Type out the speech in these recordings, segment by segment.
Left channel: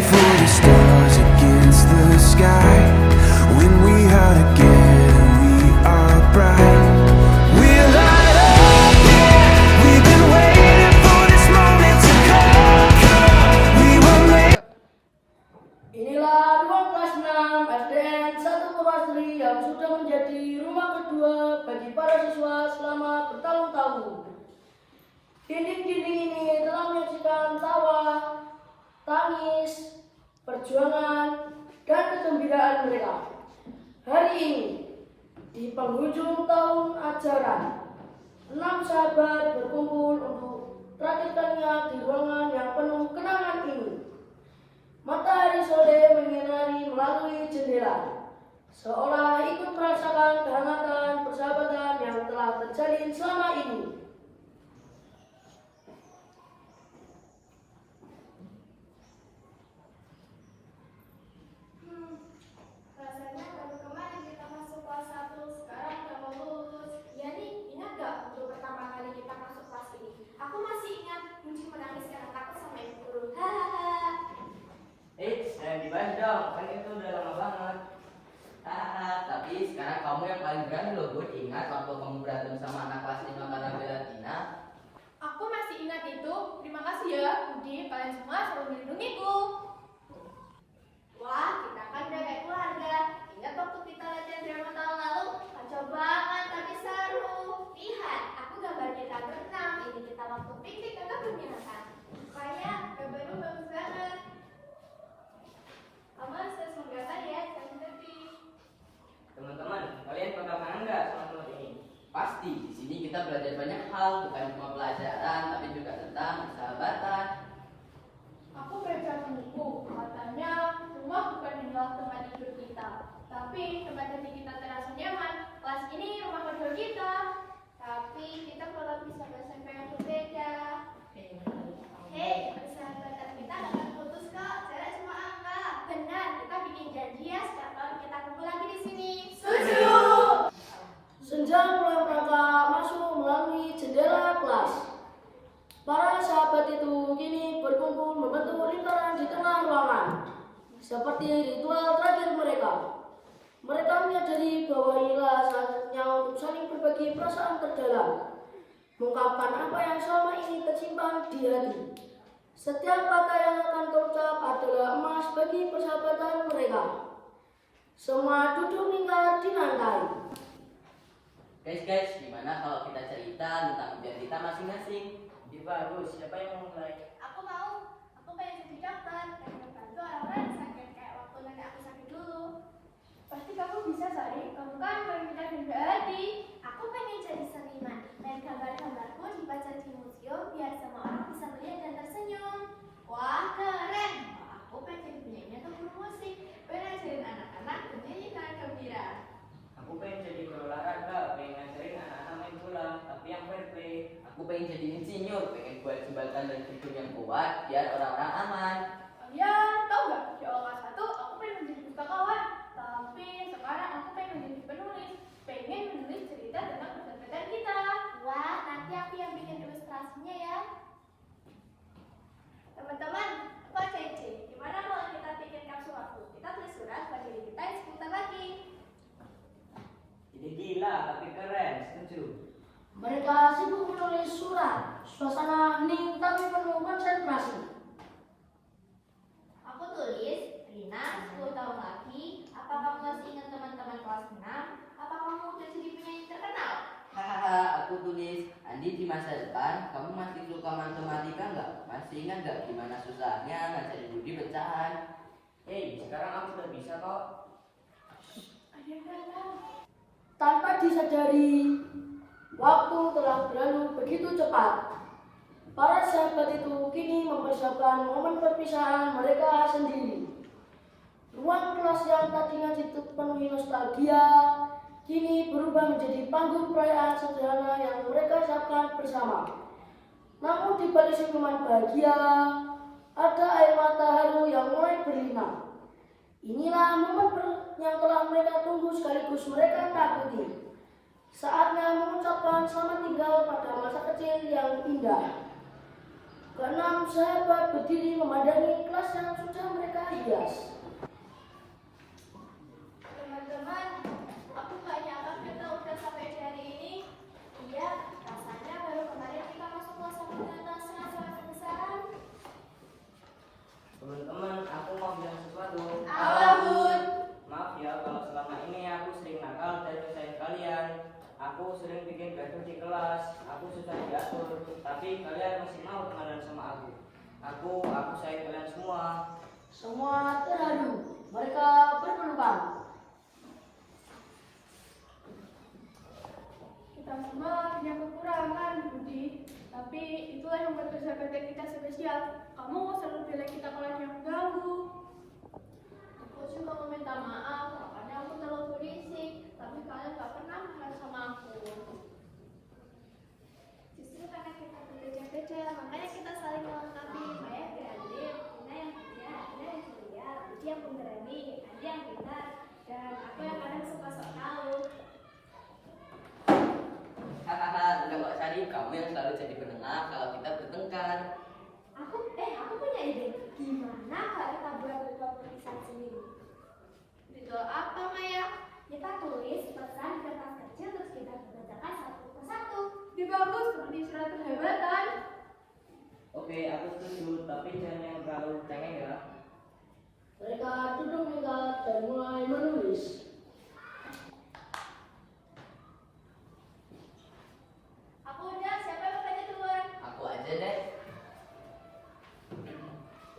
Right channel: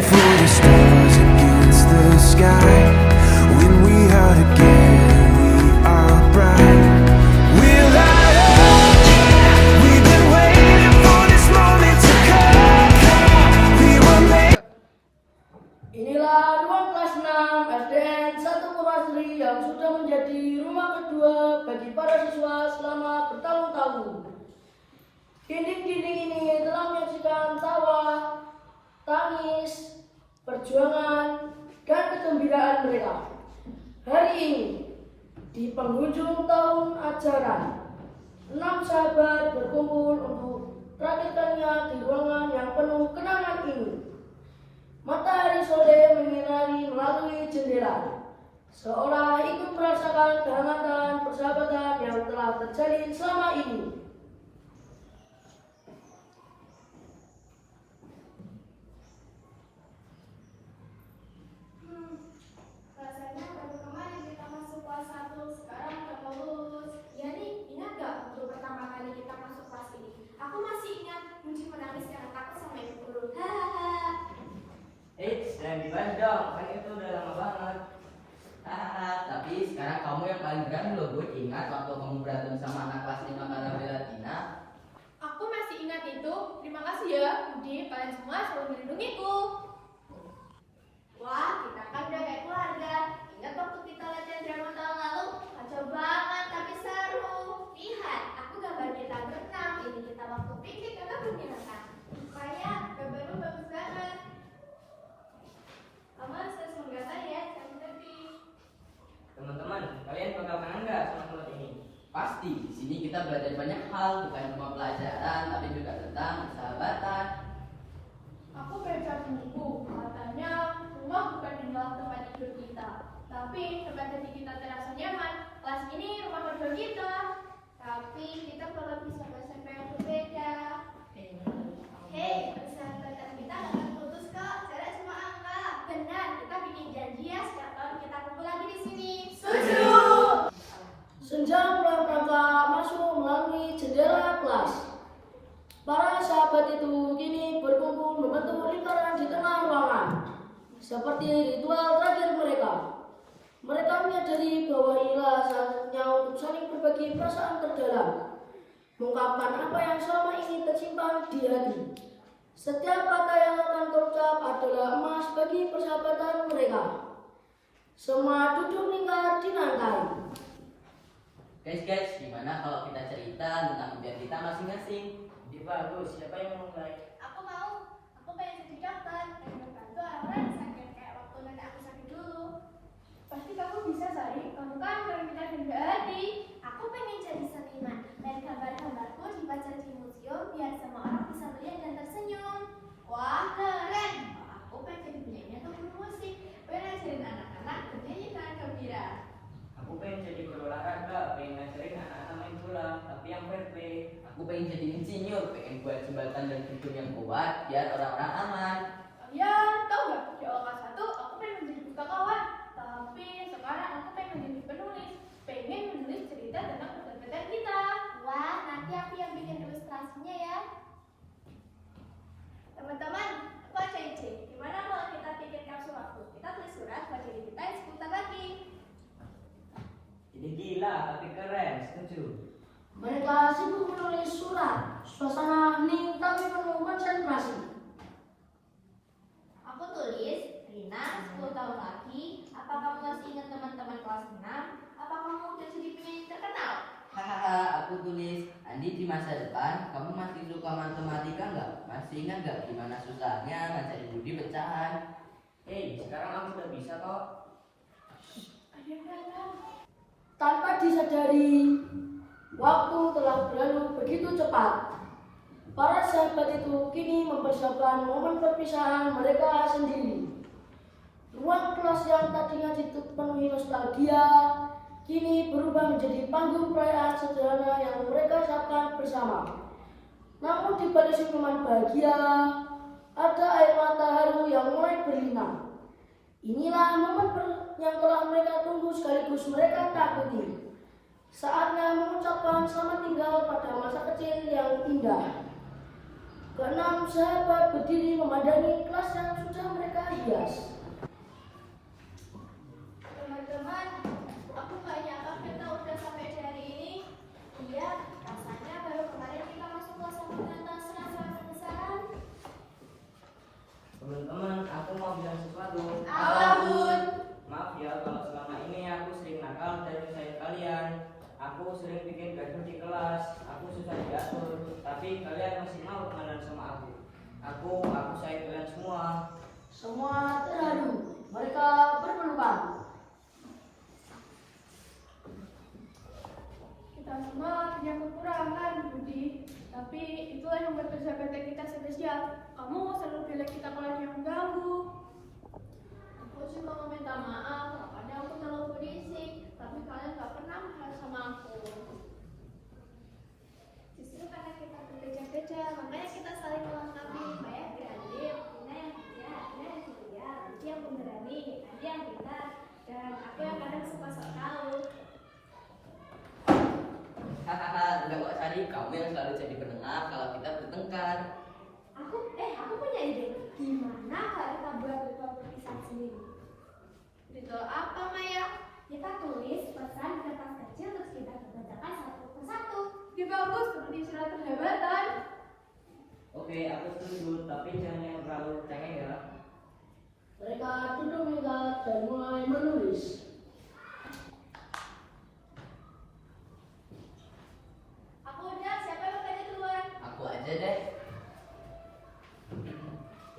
for the stars against the sky. When we are together, we are bright. We'll light up. We've been waiting for this moment to come. We were made. Inilah ruang kelas 6 SDN 1 Purwasari yang sudah menjadi rumah kedua bagi para siswa selama bertahun-tahun. Dinding-dinding ini telah menyaksikan tawa, tangis, perjuangan, dan kegembiraan mereka. Hari ini, di penghujung tahun ajaran, 6 sahabat berkumpul untuk terakhir kalinya di ruangan yang penuh kenangan ini. Matahari sore menyinari melalui jendela, seolah ikut merasakan kehangatan persahabatan yang telah terjalin selama ini. Rasanya baru kemarin kita masuk kelas 1, sekarang udah mau lulus. Ya nih, ingat gak untuk pertama kali kita masuk kelas ini? Aku masih ingat Munci menangis karena takut sama ibu guru. Hahaha. Jangan dibahas dong, kan itu udah lama banget. Hahaha, tapi sekarang kamu yang paling berani loh, Bud. Ingat waktu kamu berantem sama anak kelas 5 kalian bela Tina? Aku masih ingat itu. Terima kasih ya, Budi. Kalian semua selalu melindungiku. Wah, kita kan udah kayak keluarga. Ingat waktu kita latihan drama tahun lalu? Kacau banget, tapi seru. Lihat, aku gambar kita berenang. Ini kita waktu piknik atau pembinaan. Supaya gambarnya bagus banget. Kamu harus terus menggambar ya, jangan berhenti. Teman-teman, kalian bakal kangen nggak sama kelas ini? Pasti, di sini kita belajar banyak hal, bukan cuma pelajaran, tapi juga tentang persahabatan. Aku baca buku, katanya rumah bukan tinggal tempat tidur kita, tapi tempat hati kita terasa nyaman. Kelas ini rumah kedua kita, tapi kita bakal bisa bersama yang berbeda. Hei, persahabatan kita gak akan putus kok, jarak semua angka. Benar, kita bikin janji ya, sekarang kita kumpul lagi di sini. Setuju! Senja mulai merangkak masuk melalui jendela kelas. Para sahabat itu kini berkumpul membentuk lingkaran di tengah ruangan, seperti ritual terakhir mereka. Mereka menyadari bahwa inilah saatnya untuk saling berbagi perasaan terdalam, mengungkapkan apa yang selama ini tersimpan di hati. Setiap kata yang akan terucap adalah emas bagi persahabatan mereka. Semua duduk lingkar di lantai. Guys, gimana kalau kita cerita tentang impian kita masing-masing? Ide bagus, siapa yang mau mulai? Aku mau, aku pengen jadi dokter dan membantu orang-orang yang sakit kayak waktu nenek aku sakit dulu. Pasti kamu bisa, Sari. Kamu kan paling pintar dan berhati. Aku pengen jadi seniman dan gambar-gambarku dipajang di museum biar semua orang bisa melihat dan tersenyum. Wah, keren! Aku pengen jadi penyanyi atau guru musik. Pengen ngajarin anak-anak bernyanyi dengan gembira. Aku pengen jadi guru olahraga, pengen ngajarin anak-anak main bola, tapi yang fair play. Aku pengen jadi insinyur, pengen buat jembatan dan gedung yang kuat biar orang-orang aman. Kalian tahu nggak? Di kelas 1 aku pengen menjadi pustakawan, tapi sekarang aku pengen menjadi penulis. Pengen menulis cerita tentang persahabatan kita. Wah, nanti aku yang bikin ilustrasinya ya. Teman-teman, aku ada ide. Gimana kalau kita bikin kapsul waktu? Kita tulis surat buat diri kita yang sebentar lagi. Ini gila, tapi keren, setuju. Mereka sibuk menulis surat, suasana hening tapi penuh konsentrasi. Aku tulis, Rina, 10 tahun lagi, apa kamu masih ingat teman-teman kelas 6? Apa kamu udah jadi penyanyi terkenal? Hahaha, aku tulis, Andi di masa depan, kamu masih suka matematika nggak? Masih ingat nggak gimana susahnya ngajarin Budi pecahan? Hei, sekarang aku udah bisa kok. Ada yang Tanpa disadari, waktu telah berlalu begitu cepat. Para sahabat itu kini mempersiapkan momen perpisahan mereka sendiri. Ruang kelas yang tadinya dipenuhi nostalgia, kini berubah menjadi panggung perayaan sederhana yang mereka siapkan bersama. Namun di balik senyuman bahagia, ada air mata haru yang mulai berlinang. Inilah momen yang telah mereka tunggu sekaligus mereka takuti. Saatnya mengucapkan selamat tinggal pada masa kecil yang indah. Keenam sahabat berdiri memandangi kelas yang sudah mereka Teman-teman, aku mau bilang sesuatu. Apa, Bun? Maaf ya kalau selama ini aku sering nakal dan nyusahin kalian. Aku sering bikin gaduh di kelas. Aku susah diatur. Tapi kalian masih mau temenan sama aku. Aku sayang kalian semua. Semua terharu, mereka berpelukan. Kita semua punya kekurangan, Budi. Tapi itulah yang bersahabat kita spesial. Kamu selalu bilang kita kalau dia mengganggu. Aku cuma mau minta maaf, makanya aku terlalu berisik. Tapi kalian gak pernah marah sama aku. Justru karena kita bekerja-kerja, makanya kita saling melengkapi. Saya berani, Ina yang kerja, Ina yang kuliah, Budi yang pemberani, Adi yang pintar, dan aku yang kadang suka sok tahu. Hahaha, enggak kok Sari, kamu yang selalu jadi penengah kalau kita bertengkar. Aku punya ide. Gimana kalau kita buat ritual perpisahan sendiri? Ritual apa, Maya? Kita tulis pesan di kertas kecil terus kita bacakan satu persatu. Ini bagus seperti surat persahabatan. Oke, aku setuju, tapi jangan yang terlalu cengeng ya. Mereka duduk mengingat dan mulai menulis. Aku udah, siapa yang mau tanya duluan? Aku aja deh.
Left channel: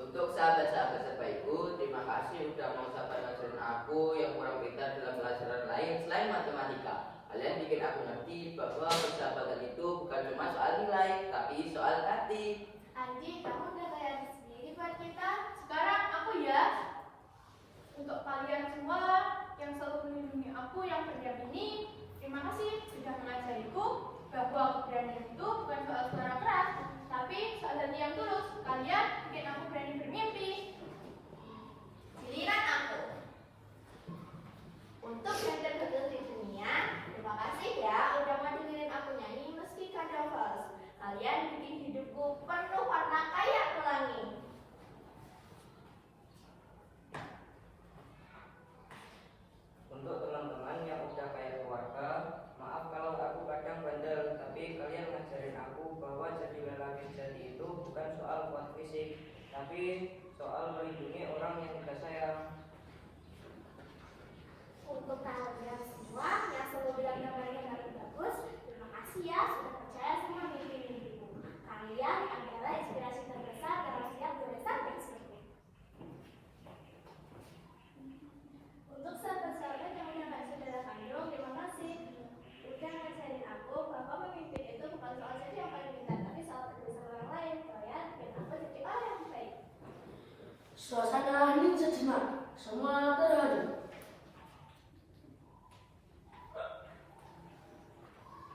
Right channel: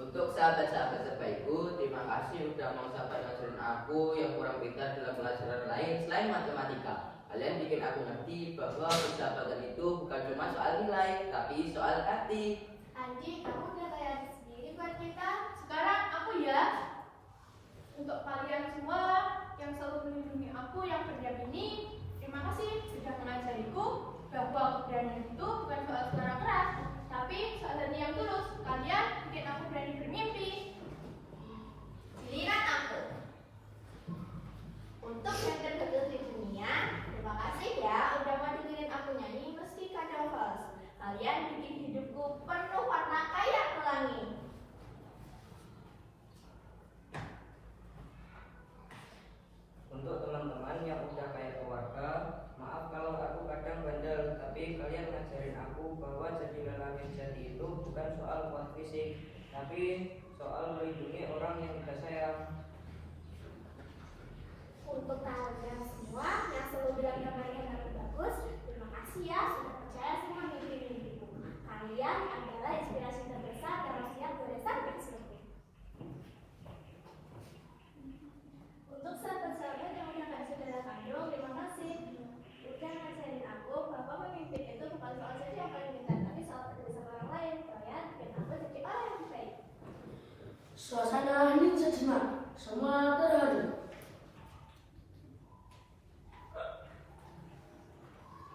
Untuk sahabat-sahabat sebaikku, terima kasih sudah mau sabar ngajarin aku yang kurang pintar dalam pelajaran lain selain matematika. Kalian bikin aku ngerti bahwa persahabatan itu bukan cuma soal nilai, tapi soal hati. Anji, kamu udah kayak sendiri buat kita. Sekarang aku ya. Untuk kalian semua yang selalu melindungi aku yang berdiam ini, terima kasih sudah mengajariku bahwa keberanian itu bukan soal suara keras, tapi soal hati yang tulus. Kalian bikin aku berani bermimpi. Giliran aku. Untuk belajar gagal di dunia, terima kasih ya udah mau dengerin aku nyanyi meski kadang fals. Kalian bikin hidupku penuh warna kayak pelangi. Untuk teman-teman yang udah kayak keluarga, maaf kalau aku kadang bandel, tapi kalian ngajarin aku bahwa jadi lelaki sejati itu bukan soal kuat fisik, tapi soal melindungi orang yang kita sayang. Untuk kalian semua yang selalu bilang kalian harus bagus, terima kasih ya sudah percaya sama mimpi-mimpiku. Kalian adalah inspirasi terbesar dan manusia terbesar yang survei. Untuk sahabat-sahabat yang udah nggak saudara kandung, terima kasih udah ngajarin aku bahwa memimpin itu bukan soal jadi yang paling pintar, tapi soal peduli sama orang lain. Kalian bikin aku jadi orang yang baik. Suasana hening sejenak, semua terharu.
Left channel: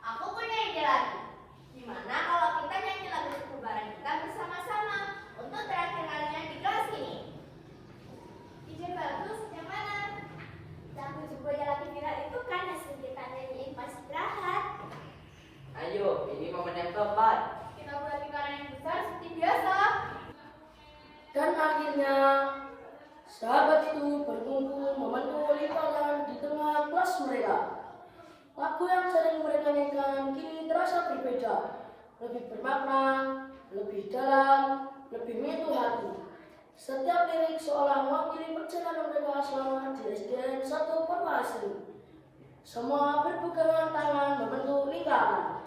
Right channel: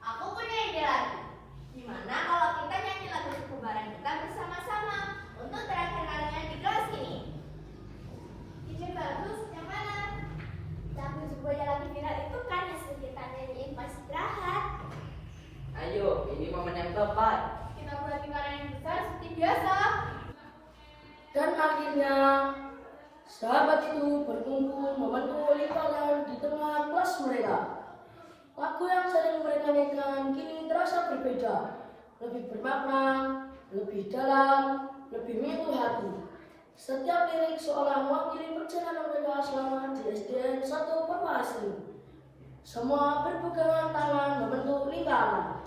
Aku punya ide lagi. Gimana kalau kita nyanyi lagu kebaran kita bersama-sama untuk terakhir kalinya di kelas ini? Ide bagus, yang mana? Lagu Jumbonya lagi viral itu kan hasil kita nyanyiin pas istirahat. Ayo, ini momen yang tepat. Kita buat lingkaran yang besar seperti biasa. Dan akhirnya, sahabat itu berkumpul membentuk lingkaran di tengah kelas mereka. Lagu yang sering mereka nyanyikan kini terasa berbeda, lebih bermakna, lebih dalam, lebih menyentuh hati. Setiap lirik seolah mewakili perjalanan mereka selama di SDN 1 Perwasri. Semua berpegangan tangan membentuk lingkaran.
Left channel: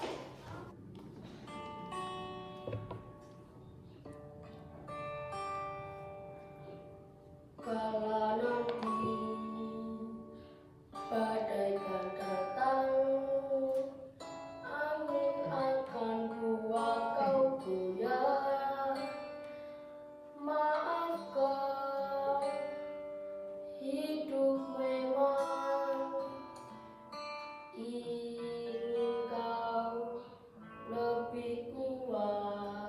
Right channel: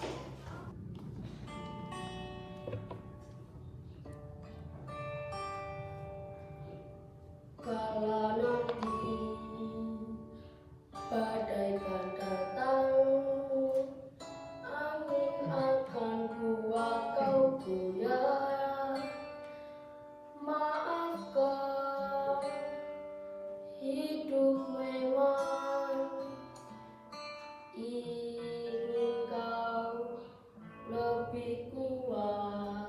Kala nanti badai kan datang, angin akan kuat kau goyah. Maafkan, hidup memang ingin kau lebih kuat.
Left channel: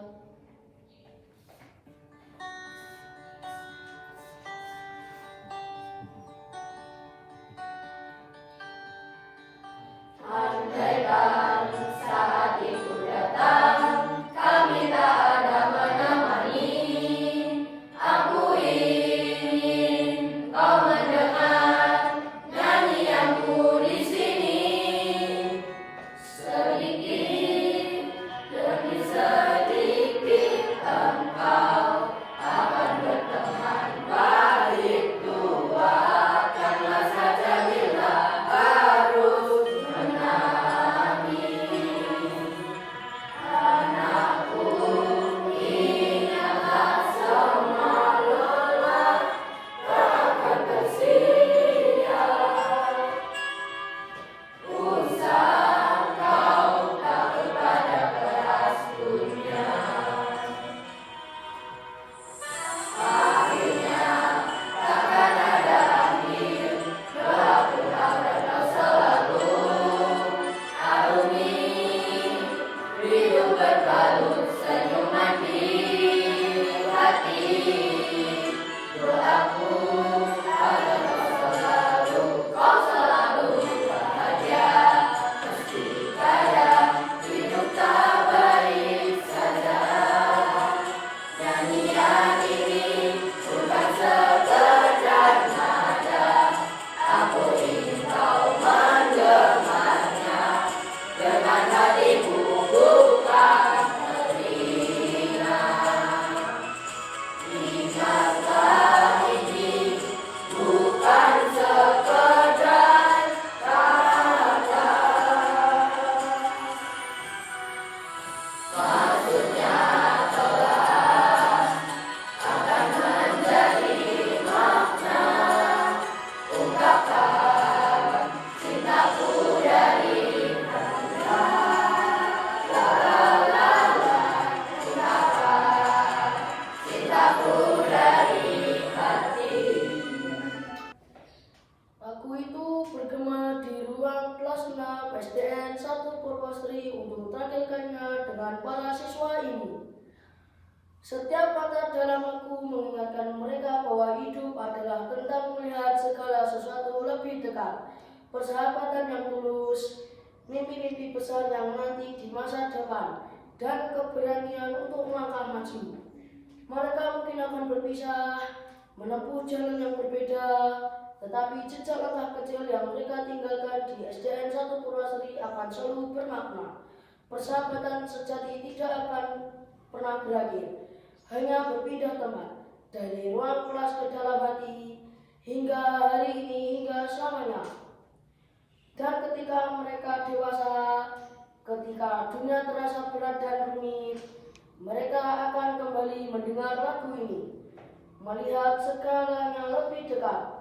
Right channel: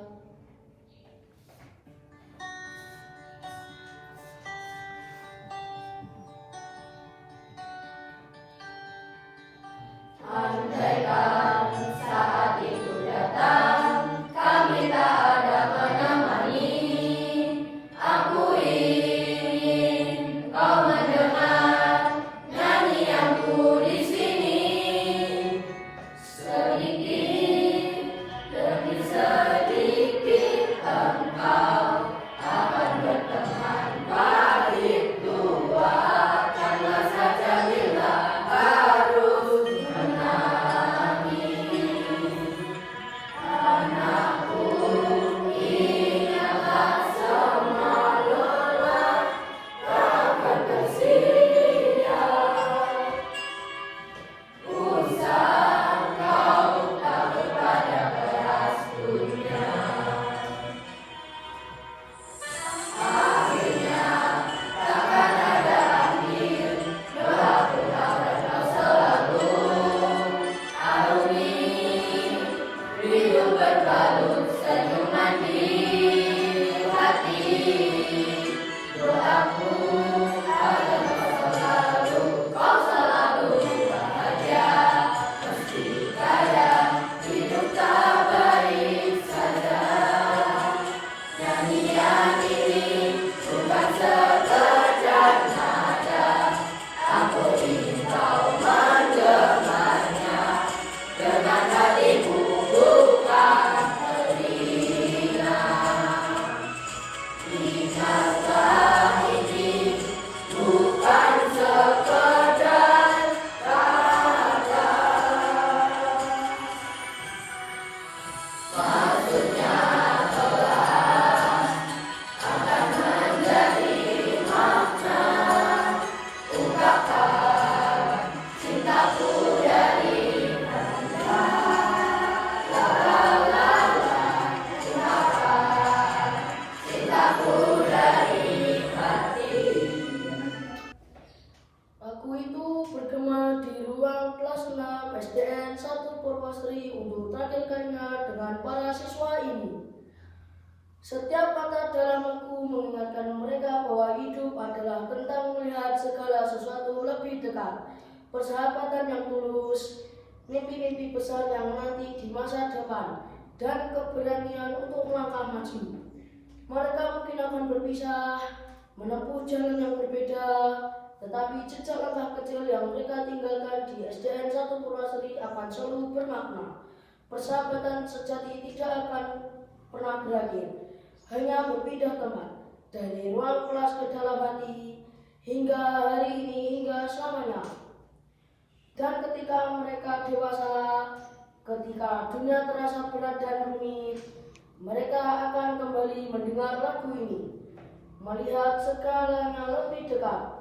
SDN 1 Purwasari untuk terakhir kalinya dengan para siswa ini. Setiap kata dalam buku mengingatkan mereka bahwa hidup adalah tentang melihat segala sesuatu lebih dekat, persahabatan yang tulus, mimpi-mimpi besar yang nanti di masa depan, dan keberanian untuk melangkah maju. Mereka mungkin akan berpisah, menempuh jalan yang berbeda, tetapi jejak langkah kecil yang mereka tinggalkan di SDN 1 Purwasari akan selalu bermakna. Persahabatan sejati tidak akan pernah berakhir, hanya berpindah tempat dari ruang kelas ke dalam hati hingga hari ini hingga selamanya. Dan ketika mereka dewasa, ketika dunia terasa berat dan rumit, mereka akan kembali mendengar lagu ini, melihat segalanya lebih dekat,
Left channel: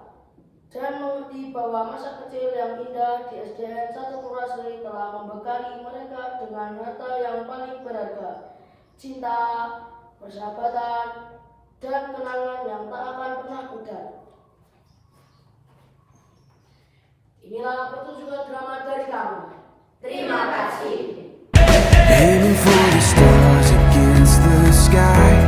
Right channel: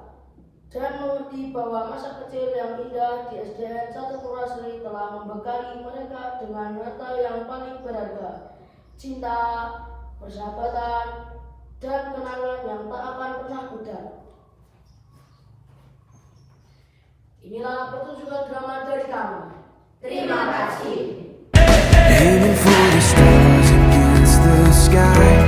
dan mengerti bahwa masa kecil yang indah di SDN 1 Purwasari telah membekali mereka dengan harta yang paling berharga, cinta, persahabatan, dan kenangan yang tak akan pernah pudar. Inilah pertunjukan drama dari kami. Terima kasih. Aiming for the stars against the sky.